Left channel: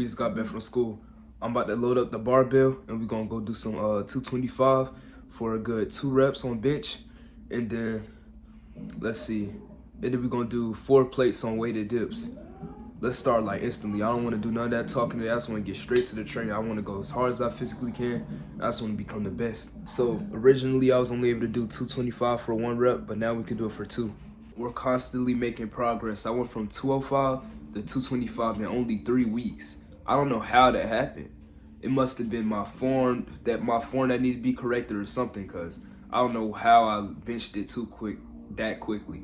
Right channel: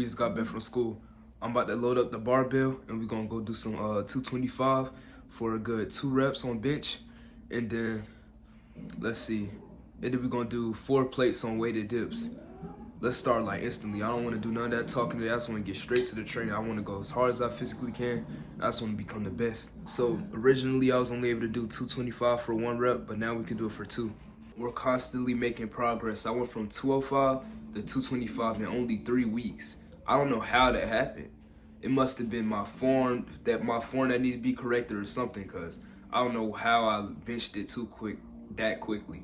We just got back from school. I'm about to load up the barbell and we're gonna go do some 225 for a good 2 reps on bench. And then, let's see. And then we're gonna do 4 plates on weighted dips. Let's start like instantly. I don't wanna do none of that talking. I just wanna get straight to the training. I wanna go as hard as I physically can. I just wanna become the best. So originally I was only able to do 225 for 1 rep, but now we can do it for 2. We're constantly making progress. I went from 205 to 225 in only 3 weeks. I don't know how that happened. It must have been my form that needed to be corrected or something, because I don't know how I benched it that quickly.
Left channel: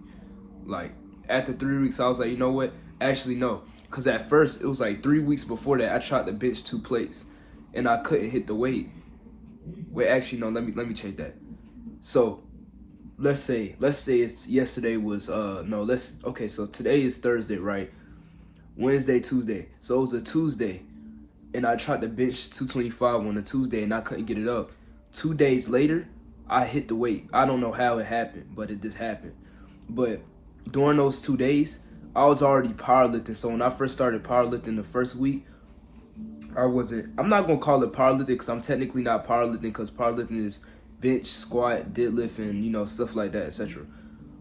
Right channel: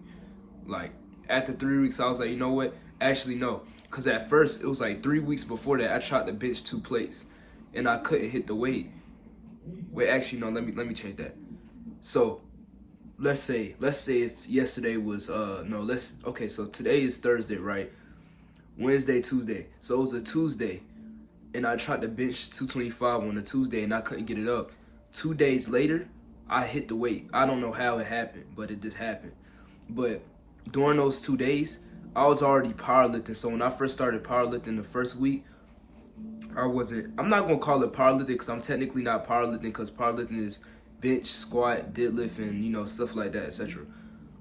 Like after 3 weeks, I was like, you know what? Actually, no. Because at first, it was like 3 weeks before that, I tried to bench 2 plates and I couldn't hit the weight. Wait, actually, no, let me change that. So let's say it's yesterday was, so today is Thursday, right? Wednesday, Tuesday. So it was a Tuesday, and I tried to bench 225 on a Tuesday, and I couldn't get it up. 2 days later, I hit the weight. I don't know how it happened, but it just happened. But during those 2 days, I was already powerlifting. So when I first started powerlifting the first week, I'm not going to call it powerlifting because I'm technically not powerlifting, because powerlifting is bench, squat, deadlift, and, stuff like that, etc.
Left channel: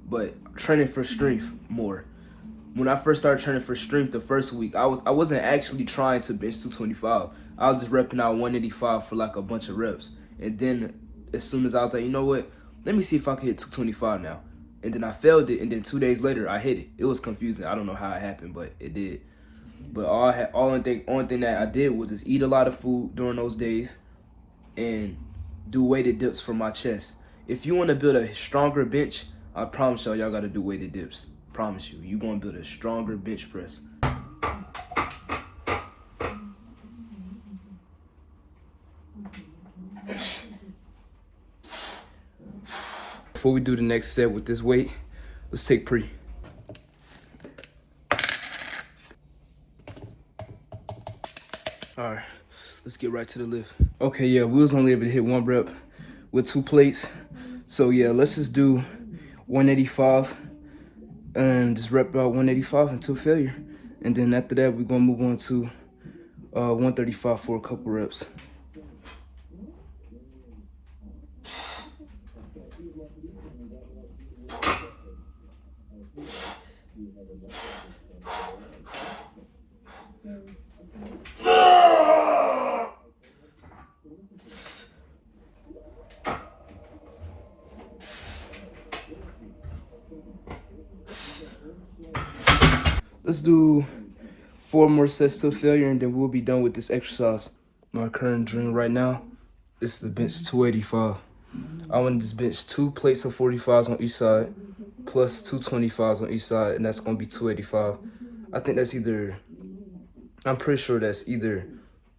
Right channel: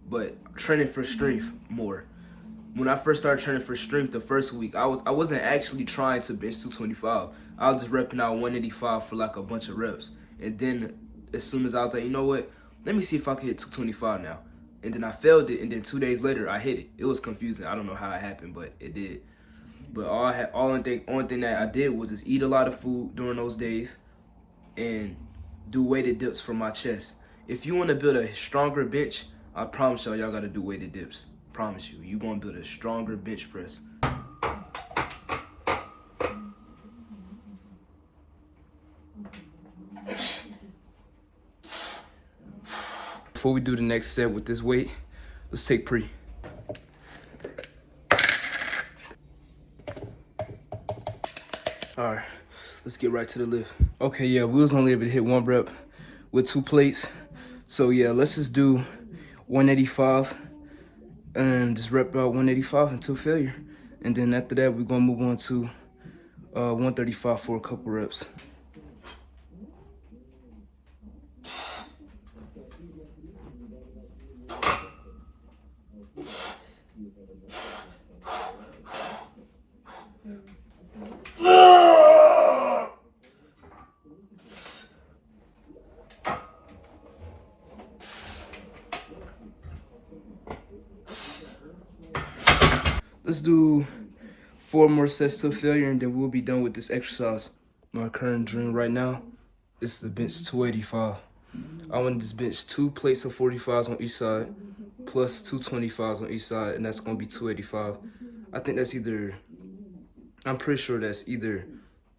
But training for strength more. When I first started training for strength the first week, I wasn't actually trying to bench 225. I was just repping out 185 for like a bunch of reps. And then as soon as I was like, you know what, let me see if I can hit 225 now. And then I failed it, and then 2 days later I hit it. It was confusing. I don't know how it happened, but it did. But only thing that I did was just eat a lot of food during those days and do weighted dips for my chest. If you want to build a stronger bench, I promise y'all got to do weighted dips. Promise you, you're gonna build a stronger bench press. Before we do the next set with this weight, let's take pre. All right, let's get right to the lift. Okay, yeah, we was only able to hit 1 rep with 2 plates. So yeah, let's just do 185. And just rep about 185 until failure. And then after that, we're gonna move on to 135 for a couple reps. Let's do 4 more sets to failure, and then we'll be done with this exercise. My current dream right now is to bench 285. I want to just bench 2 plates of 45s on each side, plus 2 25s on each side, and that's going to be 285. I think I'm pretty sure that's either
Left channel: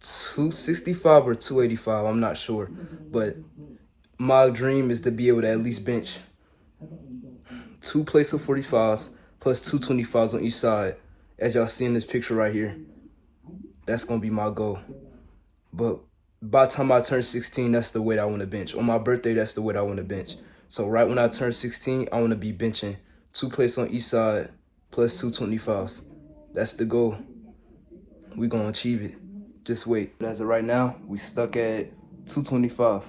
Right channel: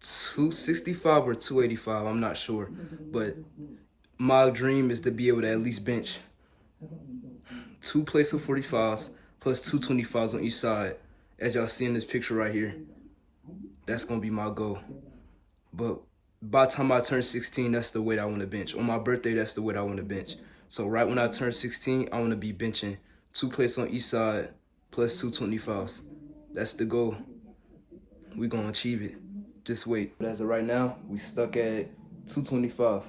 265 or 285. I'm not sure. But my dream is to be able to at least bench 2 plates of 45s, plus 2 25s on each side, as y'all see in this picture right here. That's gonna be my goal. But by the time I turn 16, that's the weight I want to bench. On my birthday, that's the weight I want to bench. So right when I turn 16, I want to be benching 2 plates on each side, plus 2 25s. That's the goal. We're gonna achieve it. Just wait. But as of right now, we stuck at 225.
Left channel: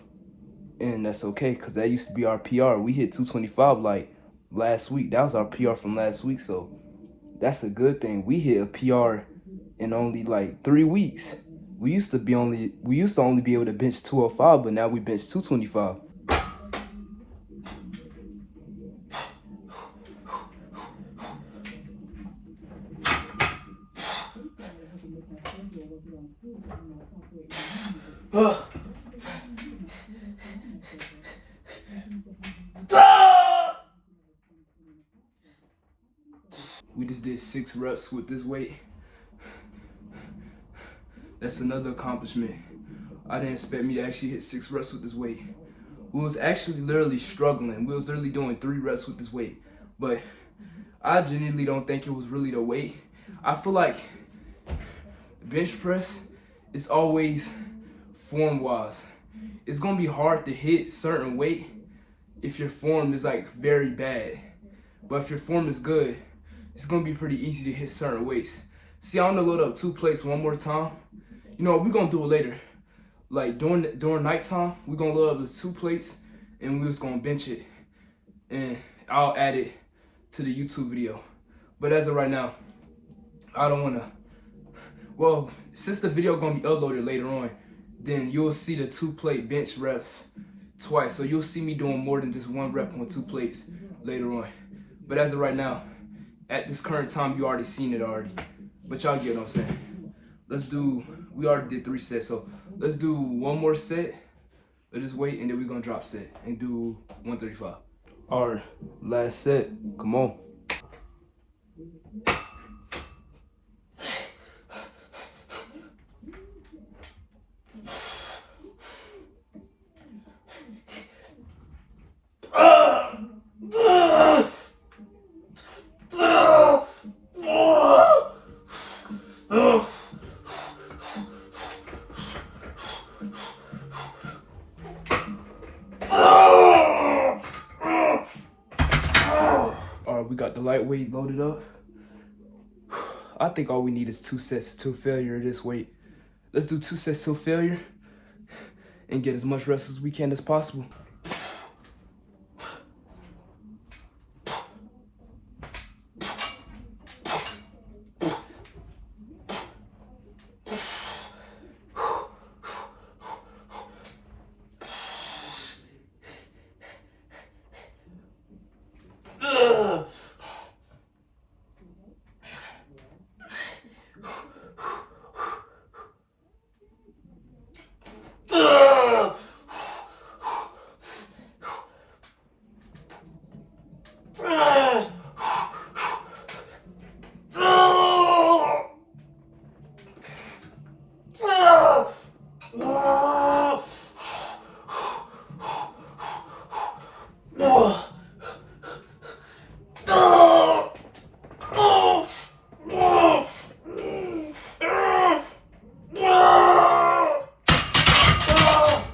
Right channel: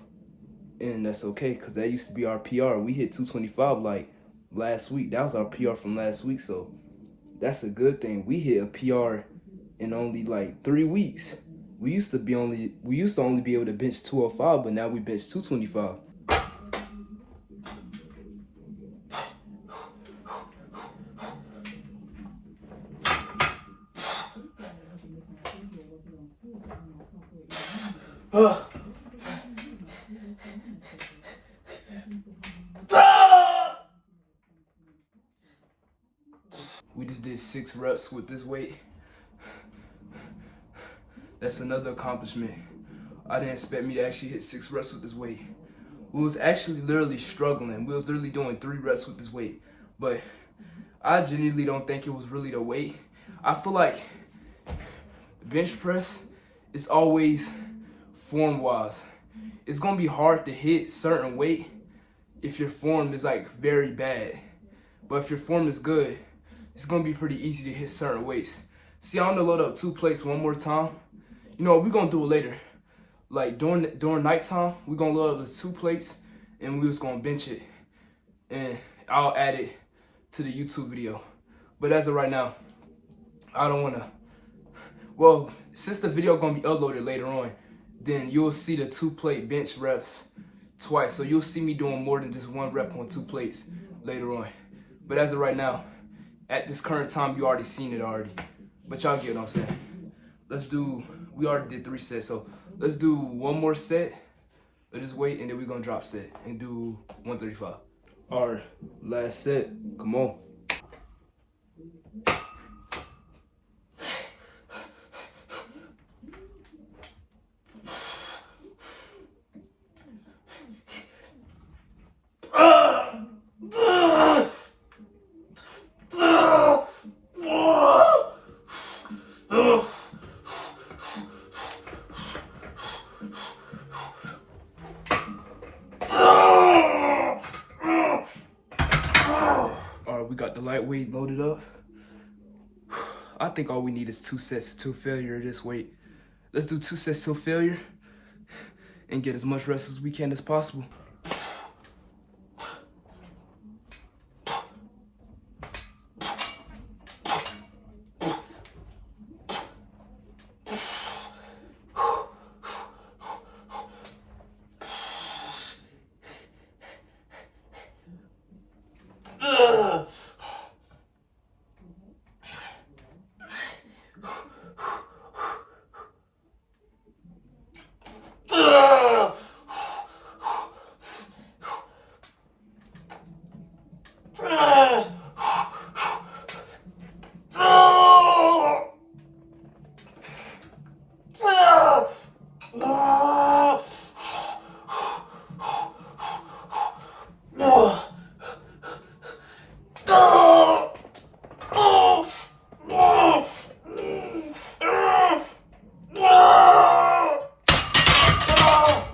And that's okay, because that used to be our PR. We hit 225 like last week. That was our PR from last week, so that's a good thing. We hit a PR in only like 3 weeks. We used to only be able to bench 205, but now we bench 225. We just did 6 reps with this weight. That's another accomplishment. I didn't expect me to actually hit 6 reps with this weight. We was actually literally struggling. We was literally doing 3 reps with this weight. But I genuinely don't think it was really the weight. I feel like bench press is always form-wise. It's gonna be hard to hit certain weight if your form is like very bad. But if your form is good, it's gonna be pretty easy to hit certain weights. See, I'm gonna load up 2 plates one more time. You know, we're gonna do it later. Like during nighttime, we're gonna load up the 2 plates and we're just gonna bench it. And I'll add it to the YouTube video. But as of right now, I don't wanna, well, since the video gonna be uploaded later on, then you'll see the 2 plate bench reps twice. So you'll see me doing more than just 1 rep on 2 plates later on. But as of right now, at this current time, you already seen it already. But y'all get what I'm saying. Let's do, we already did 3 sets. So let's do 1 more set of this weight and then we're gonna drop set and do 135. All right, last set, come on. All right, we got the lightweight loaded up. I think all we need is 2 sets till failure of this weight. Let's do 2 sets till failure and get as much rest as we can as possible.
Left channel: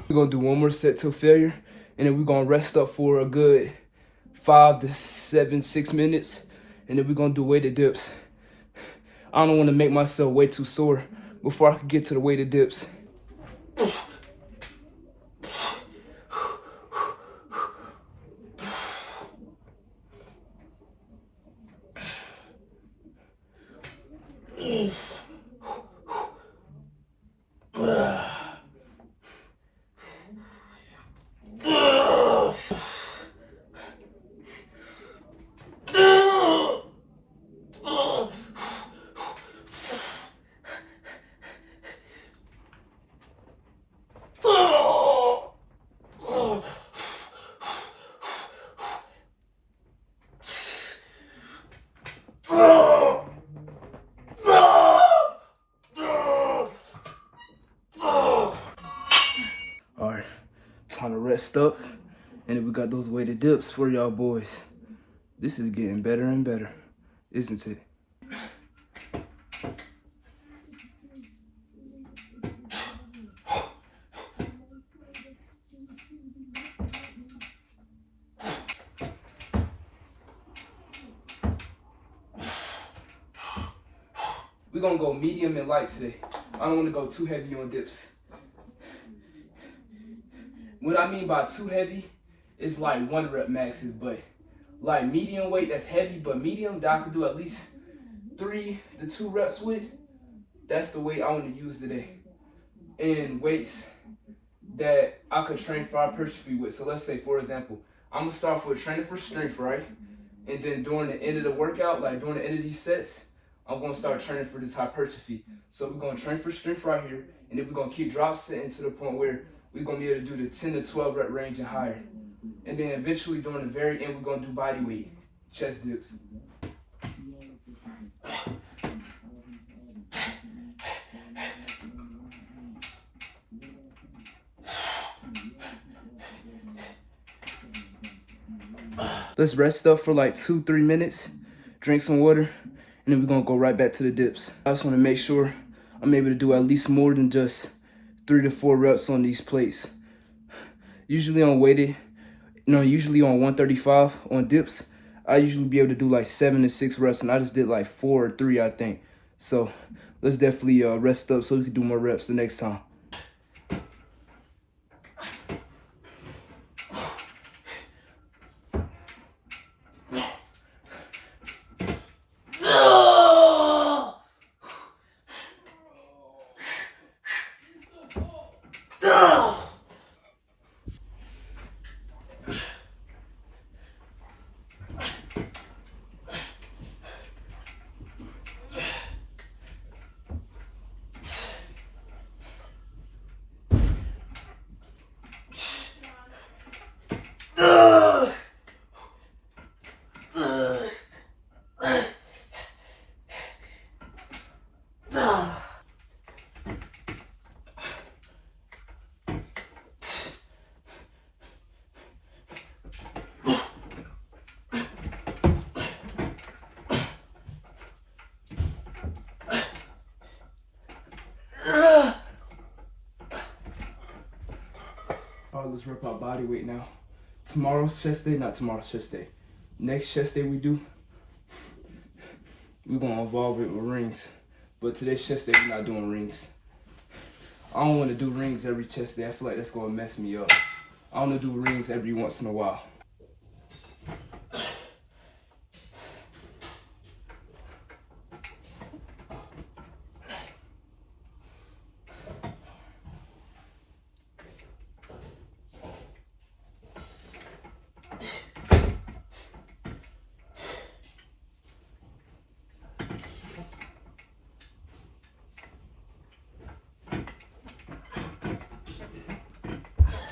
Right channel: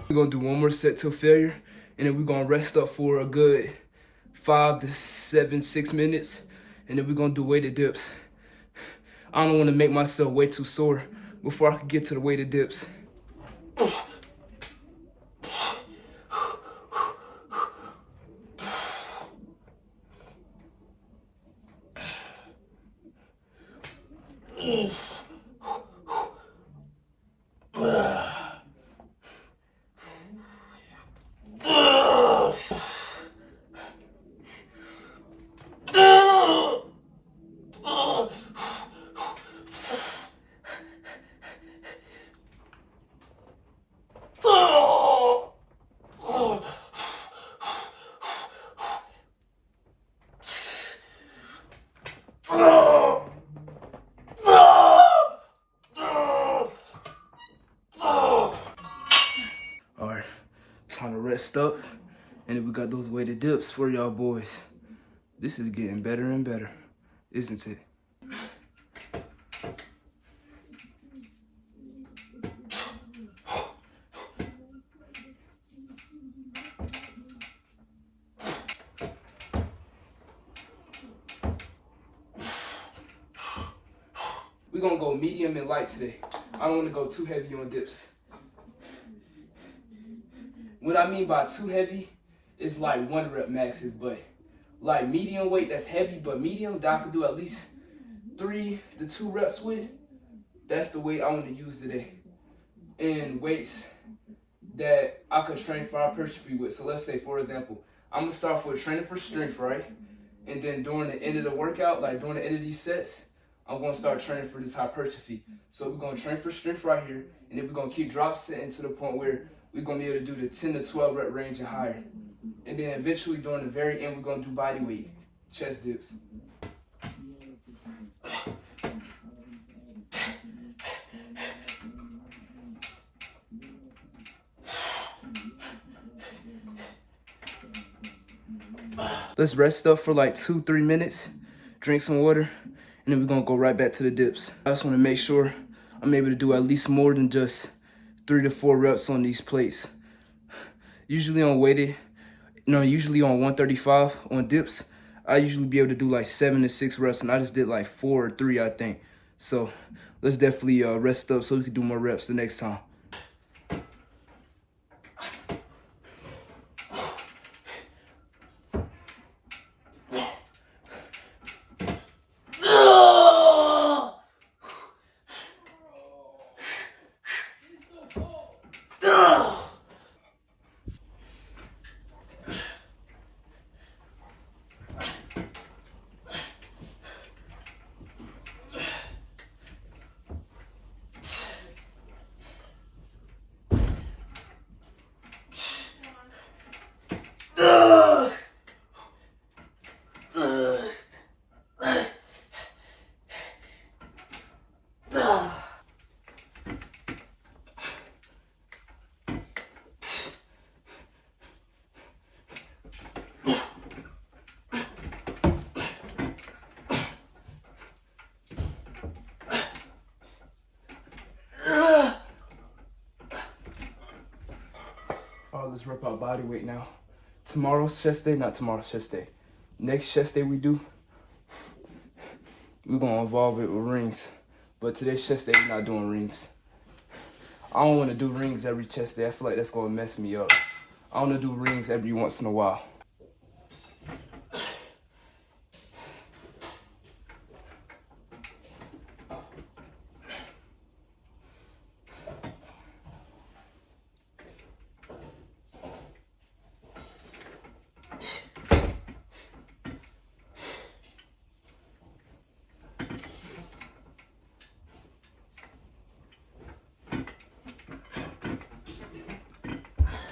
We're gonna do 1 more set till failure, and then we're gonna rest up for a good 5 to 7, 6 minutes, and then we're gonna do weighted dips. I don't wanna make myself way too sore before I can get to the weighted dips. Alright, time to rest up, and then we got those weighted dips for y'all boys. This is getting better and better, isn't it? We're gonna go medium and light today. I don't wanna go too heavy on dips. What I mean by too heavy is like 1 rep maxes, but like medium weight that's heavy, but medium that I can do at least 3 to 2 reps with, that's the weight I want to use today. And weights that I could train for hypertrophy with. So let's say, for example, I'm gonna start with training for strength, right? And then during the end of the workout, like during the end of these sets, I'm gonna start training for this hypertrophy. So we're gonna train for strength right here, and then we're gonna keep drop setting to the point where we're gonna be able to do the 10 to 12 rep range and higher. And then eventually during the very end, we're gonna do body weight, chest dips. Let's rest up for like 2-3 minutes, drink some water, and then we're gonna go right back to the dips. I just wanna make sure I'm able to do at least more than just 3 to 4 reps on these plates. Usually on weighted, usually on 135 on dips, I usually be able to do like 7 to 6 reps, and I just did like 4 or 3, I think. So let's definitely rest up so we can do more reps the next time. All right, let's rep our body weight now. Tomorrow's chest day, not tomorrow's chest day. Next chest day we do, we're gonna involve it with rings. But today's chest day, we're not doing rings. I don't wanna do rings every chest day. I feel like that's gonna mess me up. I wanna do rings every once in a while.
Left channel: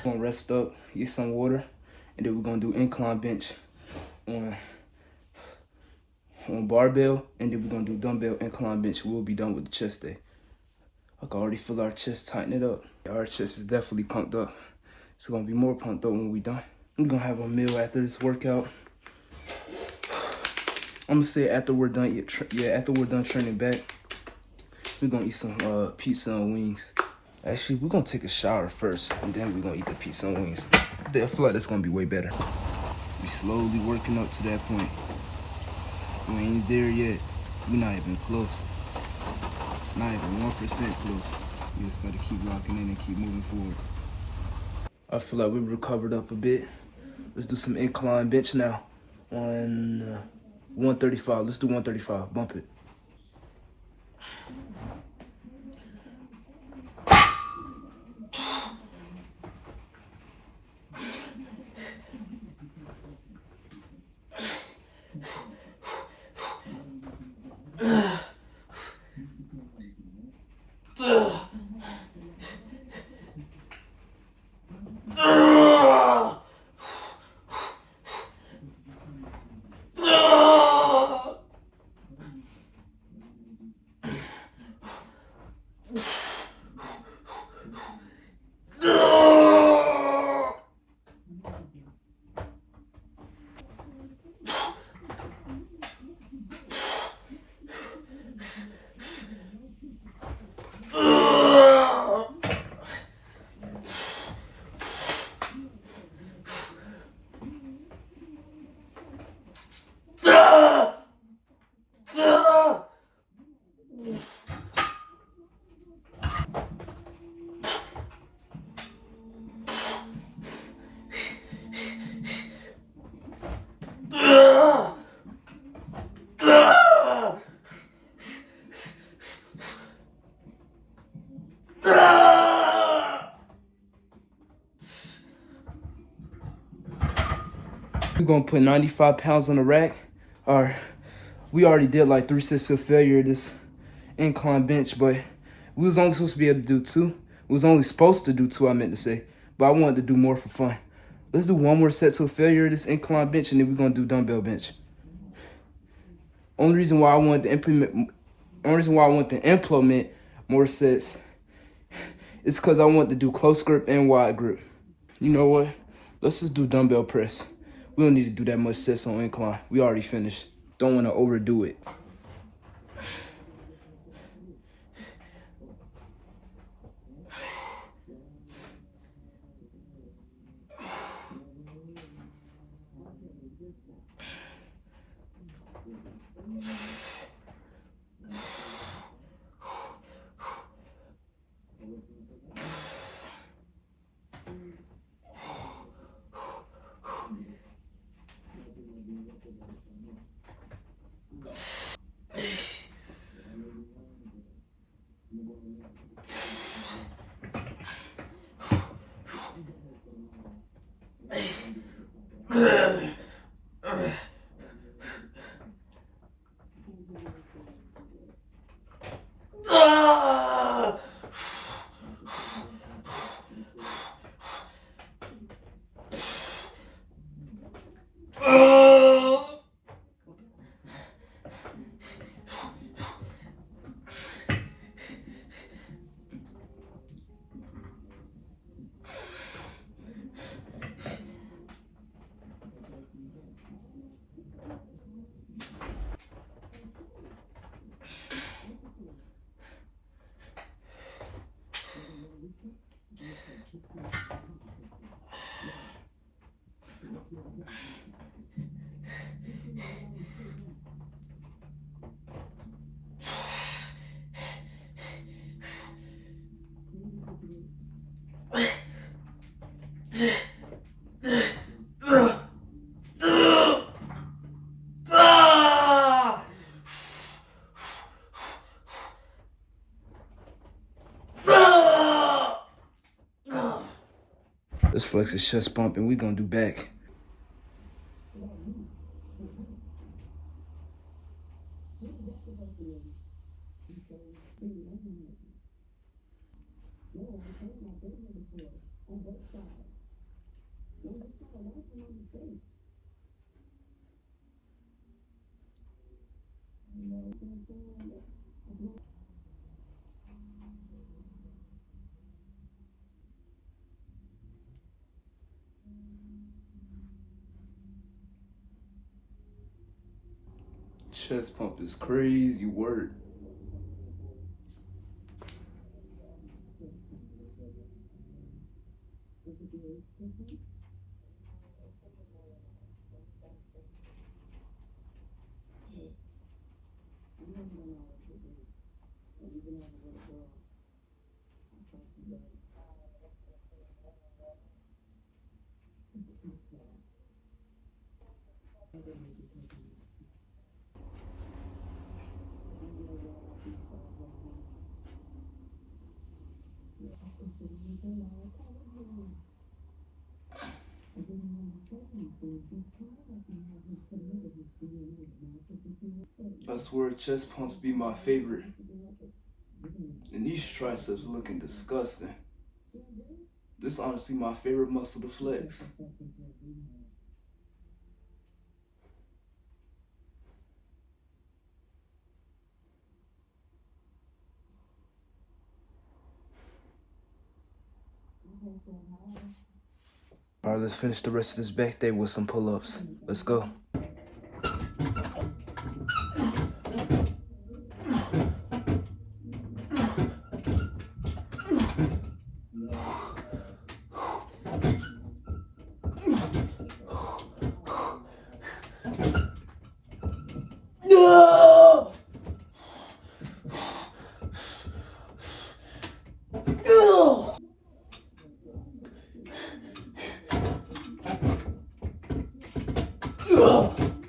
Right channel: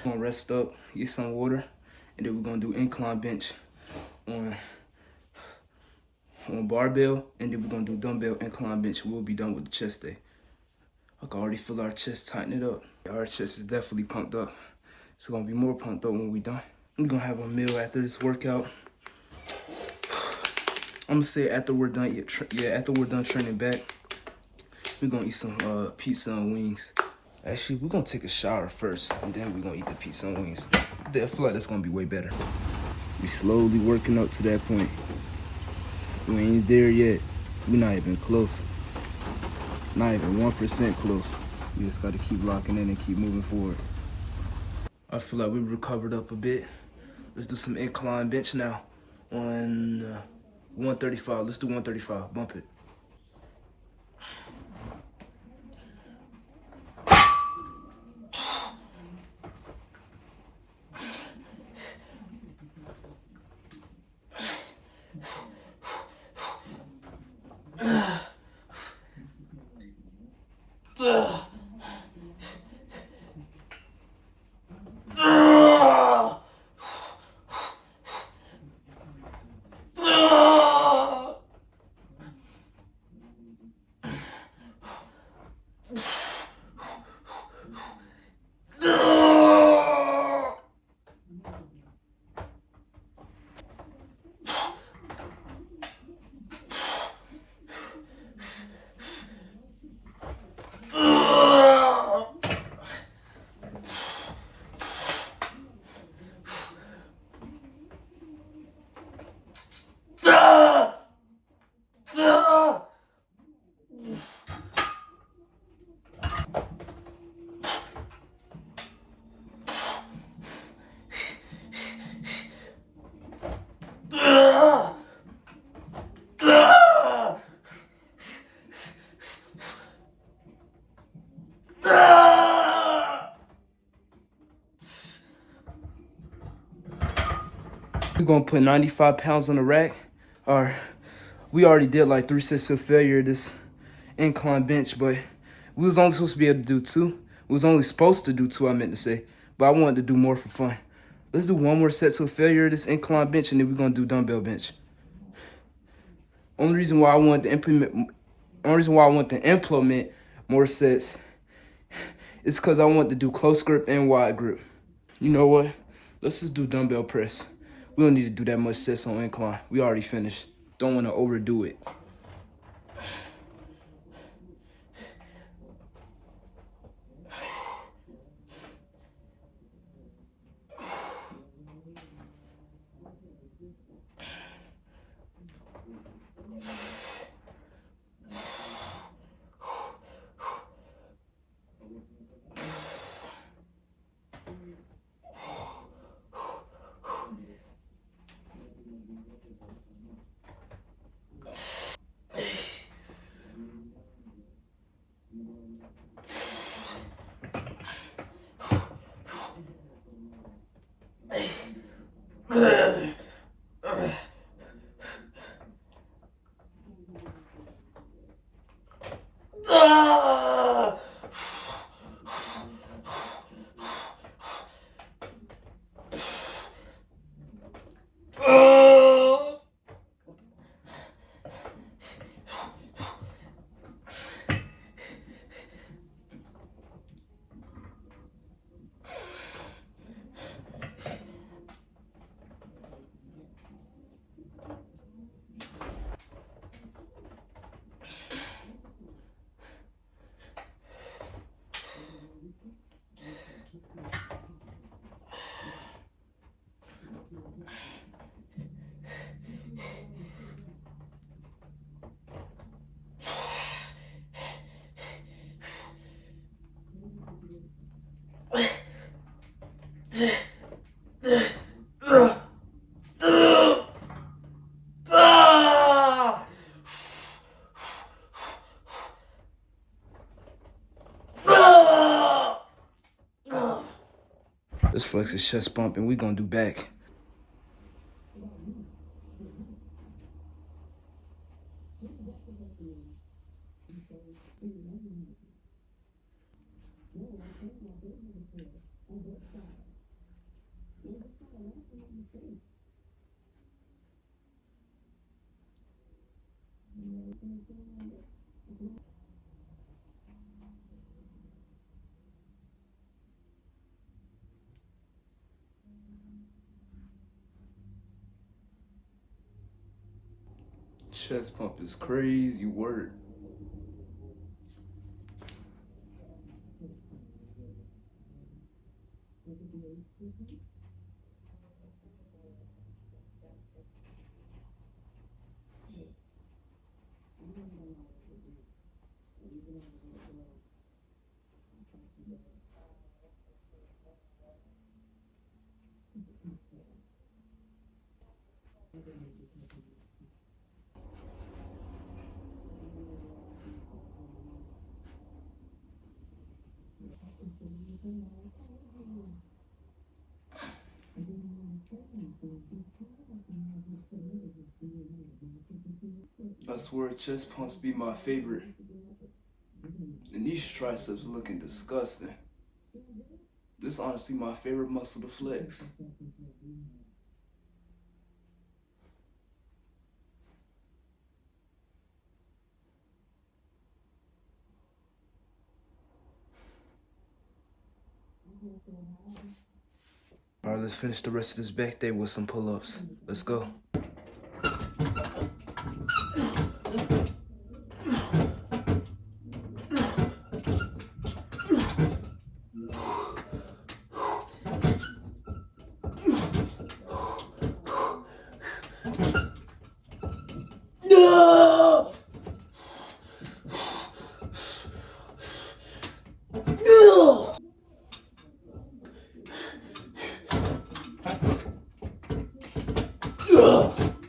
We're gonna rest up, get some water, and then we're gonna do incline bench on barbell, and then we're gonna do dumbbell incline bench. We'll be done with the chest day. I can already feel our chest tighten it up. Our chest is definitely pumped up. It's gonna be more pumped up when we're done. We're gonna have a meal after this workout. I'm gonna say after we're done, after we're done training back, we're gonna eat some pizza and wings. Actually, we're gonna take a shower first, and then we're gonna eat the pizza and wings. I feel like that's gonna be way better. We slowly working up to that point. We ain't there yet. We're not even close. Not even 1% close. You just gotta keep locking in and keep moving forward. I feel like we recovered up a bit. Let's do some incline bench now on 135. Let's do 135. Bump it. We're gonna put 95 pounds on the rack. Or we already did like 3 sets of failure this incline bench, but we was only supposed to be able to do 2. We was only supposed to do 2, I meant to say, but I wanted to do more for fun. Let's do 1 more set to failure this incline bench, and then we're gonna do dumbbell bench. Only reason why I wanted to implement more sets is because I want to do close grip and wide grip. You know what? Let's just do dumbbell press. We don't need to do that much sets on incline. We already finished. Don't want to overdo it. Let's flex his chest bump and we gonna do back. Chest pump is crazy work. I swear chest pumps be my favorite. And these triceps looking disgusting. This is honestly my favorite muscle to flex. All right, let's finish the rest of this back day with some pull-ups. Let's go.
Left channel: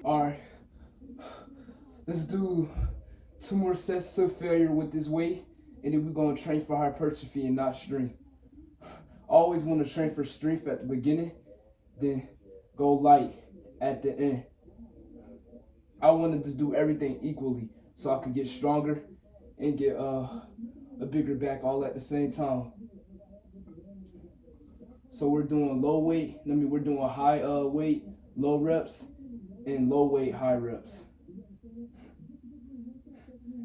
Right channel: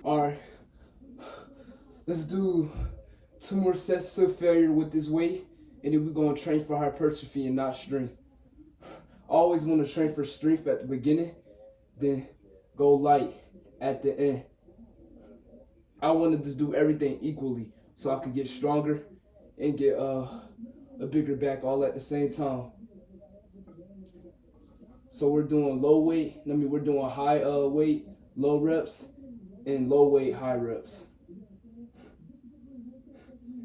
Alright, let's do 2 more sets to failure with this weight, and then we're going to train for hypertrophy and not strength. I always want to train for strength at the beginning, then go light at the end. I want to just do everything equally so I can get stronger and get a bigger back all at the same time. So we're doing low weight, we're doing high weight, low reps, and low weight, high reps.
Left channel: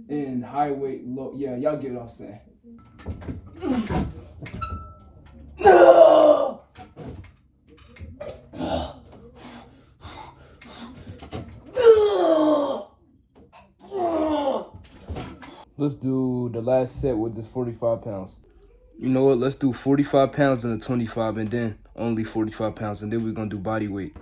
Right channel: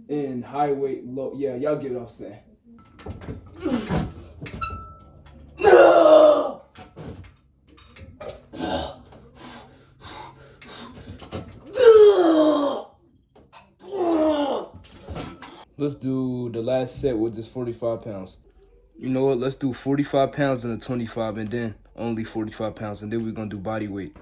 And high weight, low, yeah, y'all get what I'm saying. Let's do the last set with just 45 pounds. You know what, let's do 45 pounds and a 25 and then only 45 pounds and then we're gonna do body weight.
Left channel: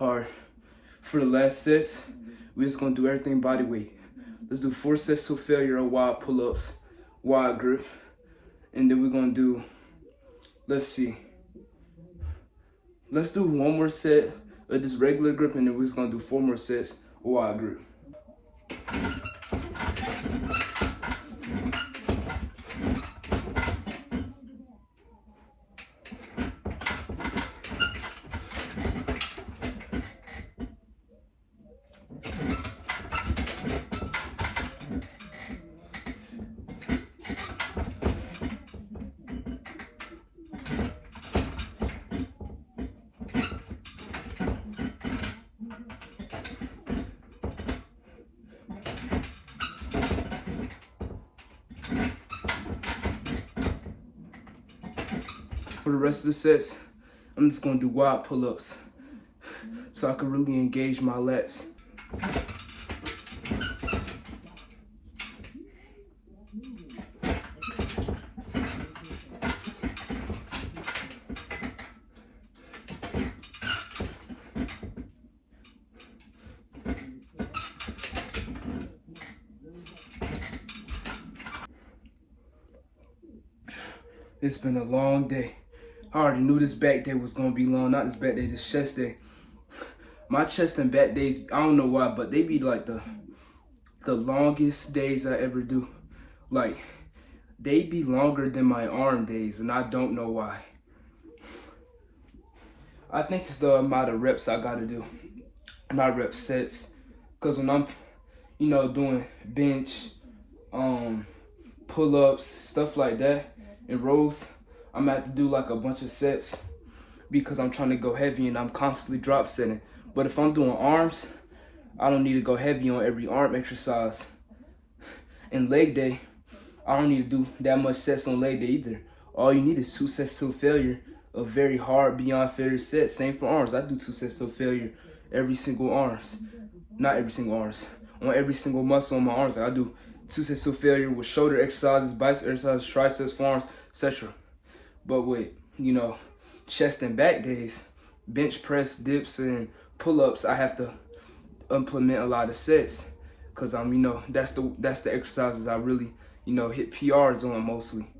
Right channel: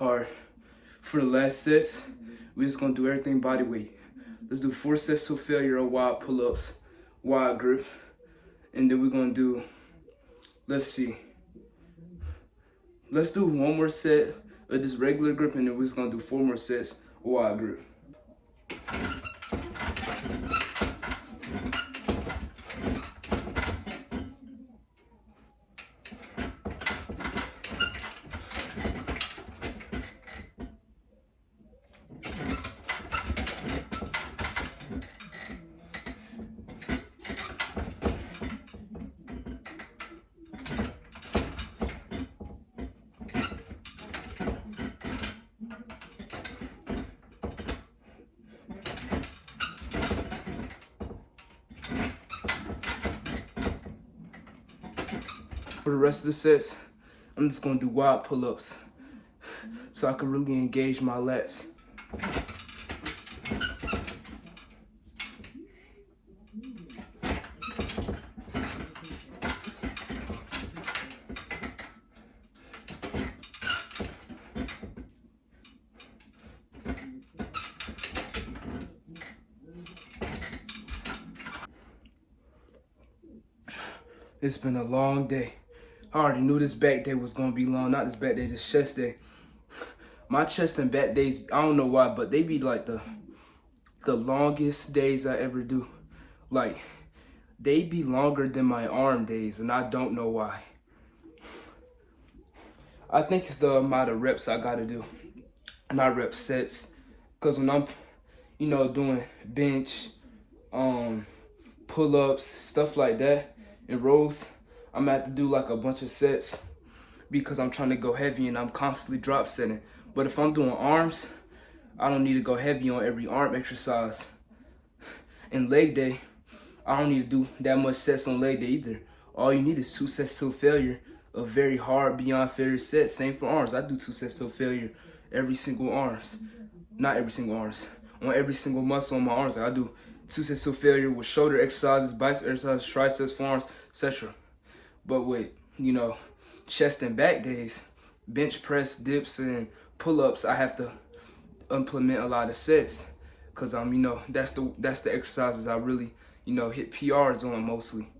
All right, for the last sets, we're just gonna do everything body weight. Let's do 4 sets to failure of wide pull-ups, wide grip. And then we're gonna do, let's do one more set of this regular grip, and then we're just gonna do 4 more sets of wide grip. For the rest of the sets, I'm just gonna do wide pull-ups so I can really engage my lats. It's been a long day. I already knew this back day was gonna be long. Not this back day, this chest day. My chest and back days, I don't know why, but they be like the longest days I ever do. Like, they be longer than my arm days, and I don't know why. I think it's the amount of reps I gotta do, not rep sets. Cause when I'm, doing bench, pull-ups, stuff like that, and rows, I'm gonna have to do like a bunch of sets because I'm trying to go heavy and I'm constantly drop setting. But if I'm doing arms, I don't need to go heavy on every arm exercise. And leg day, I don't need to do that much sets on leg day either. All you need is 2 sets till failure of very hard beyond failure sets. Same for arms. I do 2 sets till failure every single arms. Not every single arms. On every single muscle on my arms. I do 2 sets till failure with shoulder exercises, bicep exercises, triceps, forearms, etc. But with, chest and back days, bench press, dips, and pull-ups, I have to implement a lot of sets. Cause that's the exercises I really, hit PRs on mostly.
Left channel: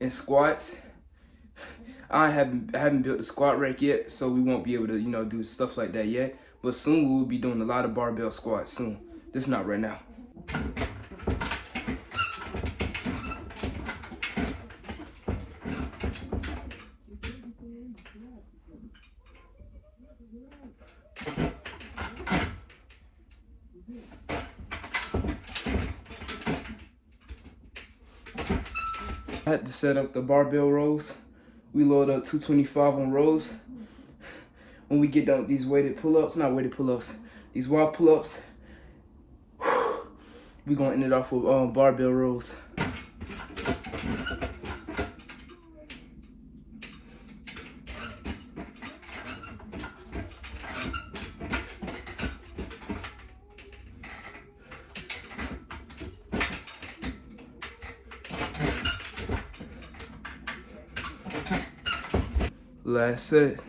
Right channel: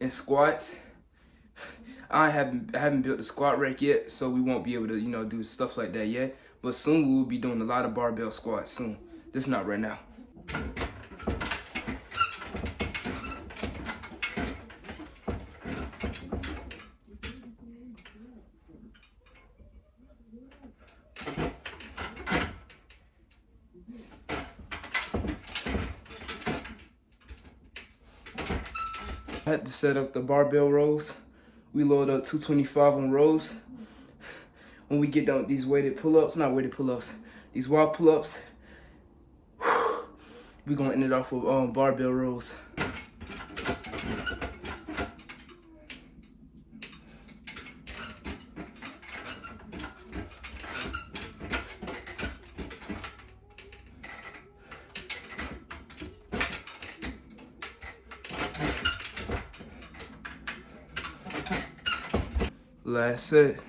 And squats, I haven't built the squat rack yet, so we won't be able to, do stuff like that yet. But soon we will be doing a lot of barbell squats soon. Just not right now. I had to set up the barbell rows. We load up 225 on rows. When we get done with these these wide pull-ups, we're gonna end it off with barbell rows. Last set.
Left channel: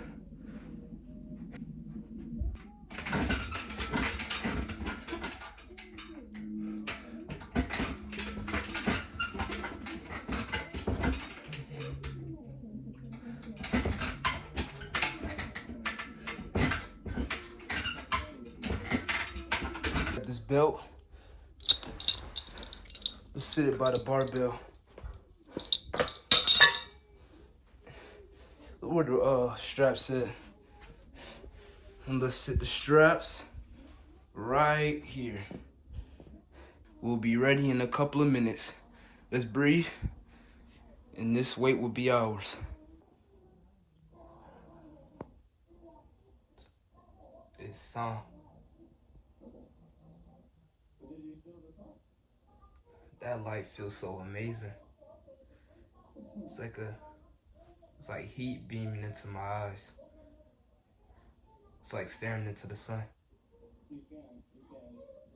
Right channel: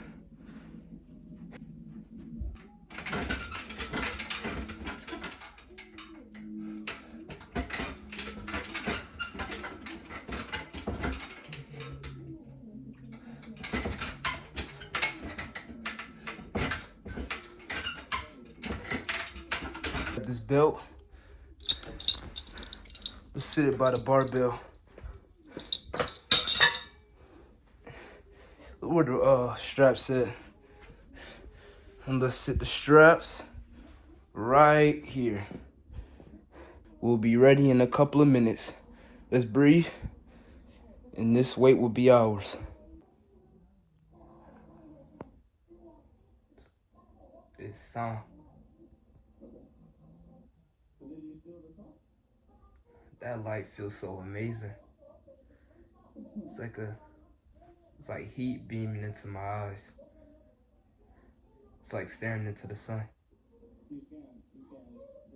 This belt, let's sit it by the barbell. Where the straps at? And let's sit the straps right here. We'll be ready in a couple of minutes. Let's breathe, and this weight will be ours. It's sound. That light feels so amazing. It's like heat beaming into my eyes. It's like staring into the sun,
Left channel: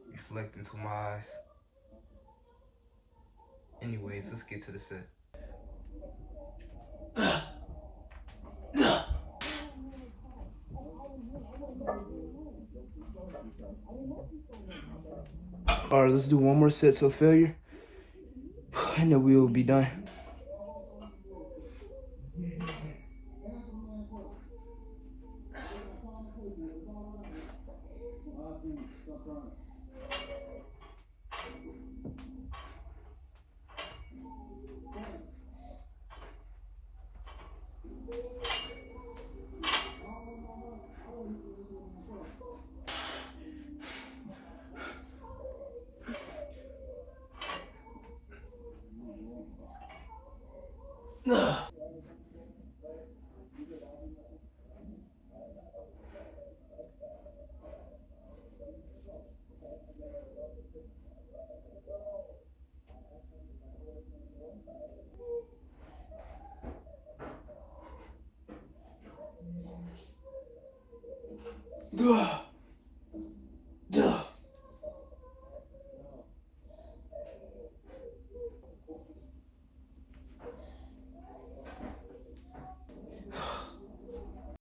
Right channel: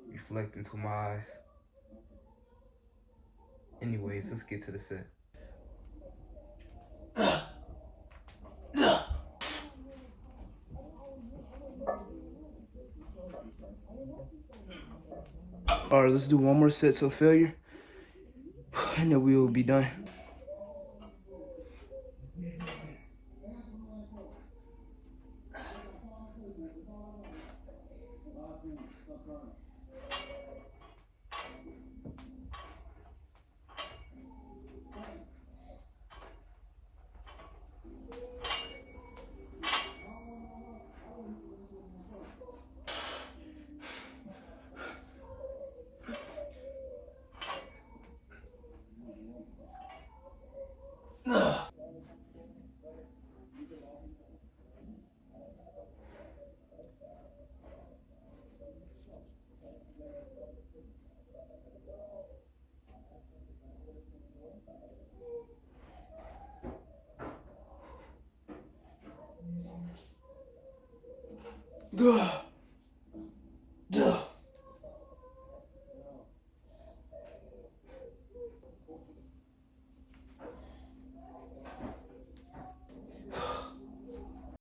reflecting into my eyes. Anyways, let's get to the set. All right, let's do one more set till failure, and then we will be done. Ugh.